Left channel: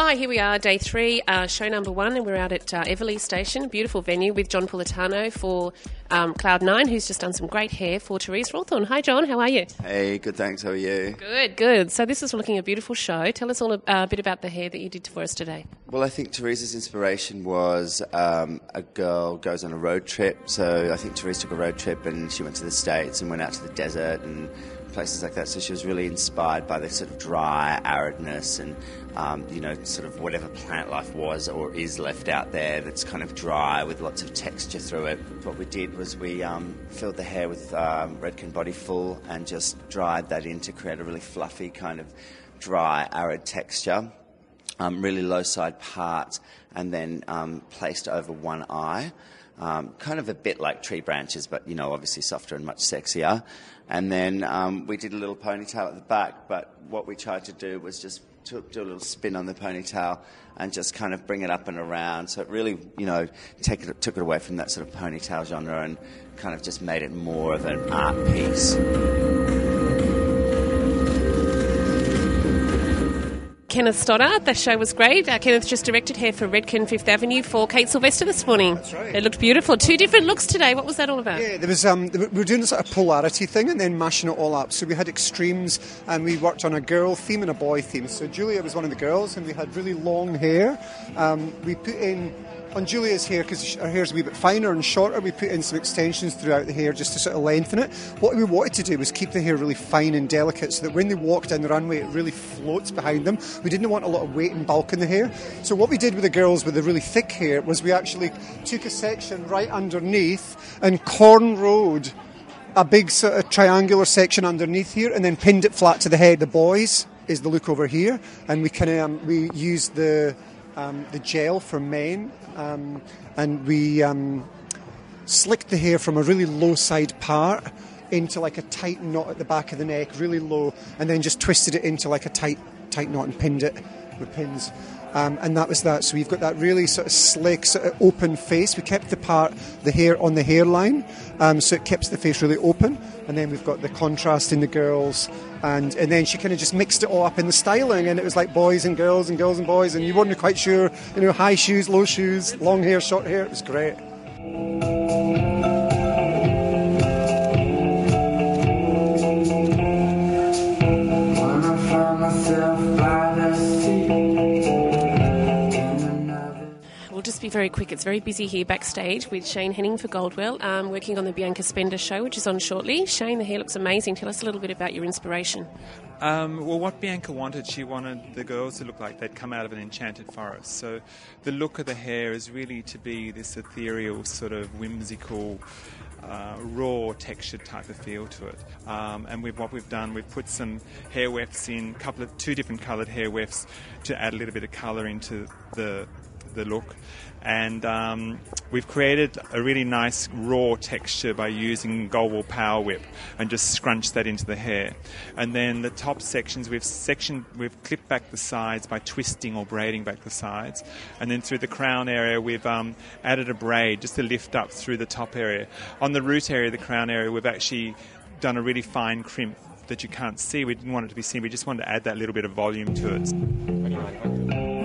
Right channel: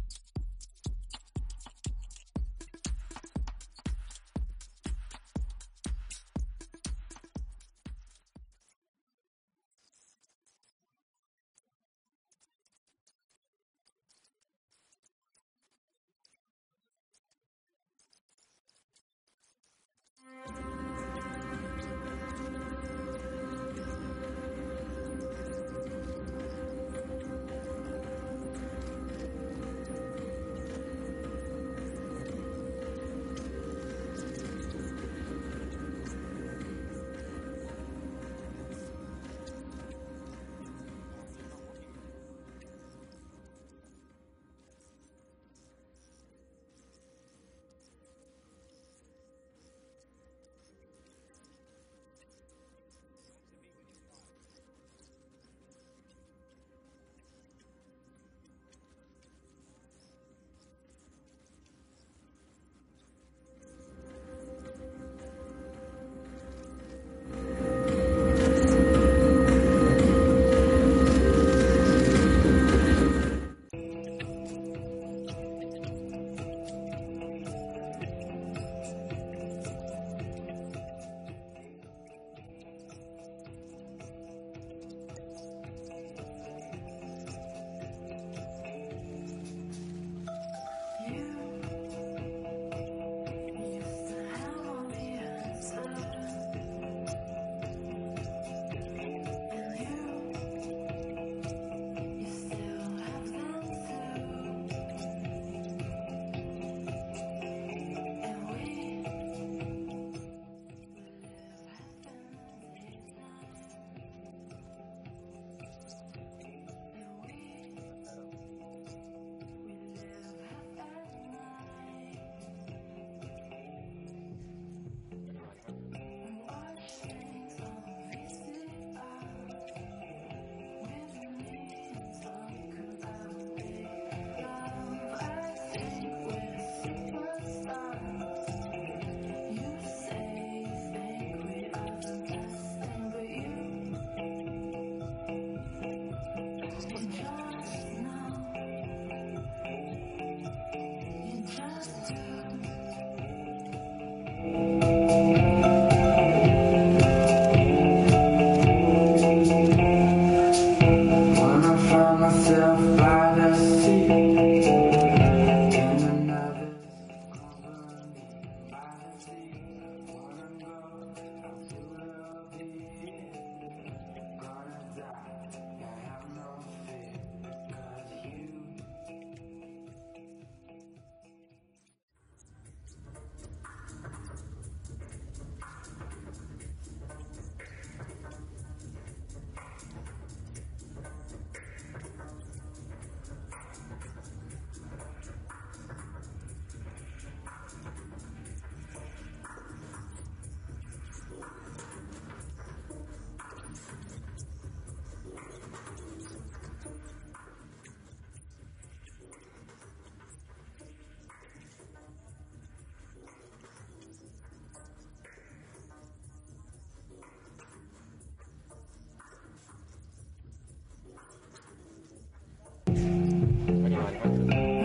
Hi, here we are, day 3, show number 1, and we're out at Everleigh Station, beautiful venue with John Politano for Cloud9, who's just done some great hair for Therese Rawthorne. Hi, John, how are you? Hey, good, thanks. How are you? Good, good. So this is looking a beautiful show. Tell us all a bit about the hair that you did for us today. Well, I think Therese's inspiration was a girl goes on a road trip. So I think Therese took a road trip and she went to the States and went out to the desert and places like that. So she was really inspired by the sort of dry aridness and sort of whatever plant life was or is left out there that's kind of dry with lots of texture through it. What we did was we filled the hair with Redken Body Full and just dried that in to create a really fluffy kind of dry, arid texture. Really low side part, and then placed over one eye. Kind of a bit like tree branches, but obviously softer and much sexier. And then we did a little ponytail at the back, but what we tried to do was just do a little spin on the ponytail and just kind of bring it up and around. So it really, took it away from that sort of ponytail genre and kind of just made it more of an art piece. Kenneth Stoddart, the show was great. Kenneth just directed hair for Redken Fifth Avenue for Kate Sylvester this morning. That's right. It looked beautiful. 2 different looks today. What was that all about? Yeah, there was we were doing a sort of polarity thing and then mashing it all up. So we had extremes and we worked on a girl theme and a boy theme. So Julia was one of the girls and we had really long hair. We put in, on Julia's hair, because her hair's a wee bit finer and shorter, we put in some extensions throughout the hair just to sort of lengthen it. What we wanted to do was keep the hair really fine and delicate so that when they walk down the runway it really floats behind them. We didn't want a lot of weight and bulk in the hair. So what we did with the girls with the really thick hair was we actually took a section right underneath and cornrowed a big sort of triangular section underneath here and then pinned it flat to the head. The boys is the look over here, and we kind of we used the gel for men, and we slicked the hair from a really low side part into like a tight knot at the back of the neck, really low, and then just twisted it into like a tight knot and pinned it with pins. And that was that. So we've got that really sort of slick, sort of open face. We kept the hair on the hairline, so it keeps the face really open. And then we've got the contrast in the girls, and then she kind of just mixed it all up in the styling, and it was like boys and girls and girls and boys, and you weren't quite sure, high shoes, low shoes, long hair, short hair. It was great. When I find myself by the sea. We'll just be very quick. It's very busy here backstage with Shane Henning for Goldwell, Working on the Bianca Spender show, which is on shortly. Shane, the hair looks amazing. Tell us a little bit about your inspiration. Well, what Bianca wanted, she wanted the girls to look like they'd come out of an enchanted forest. So the look of the hair is really to be this ethereal, sort of whimsical, raw textured type of feel to it. And what we've done, we've put some hair wefts in, 2 different coloured hair wefts to add a little bit of colour into the look. And we've created a really nice raw texture by using Goldwell Power Whip and just scrunched that into the hair. And then the top sections, we've clipped back the sides by twisting or braiding back the sides. And then through the crown area, we've added a braid just to lift up through the top area. On the root area, the crown area, we've actually done a really fine crimp that you can't see. We didn't want it to be seen. We just wanted to add that little bit of volume to it.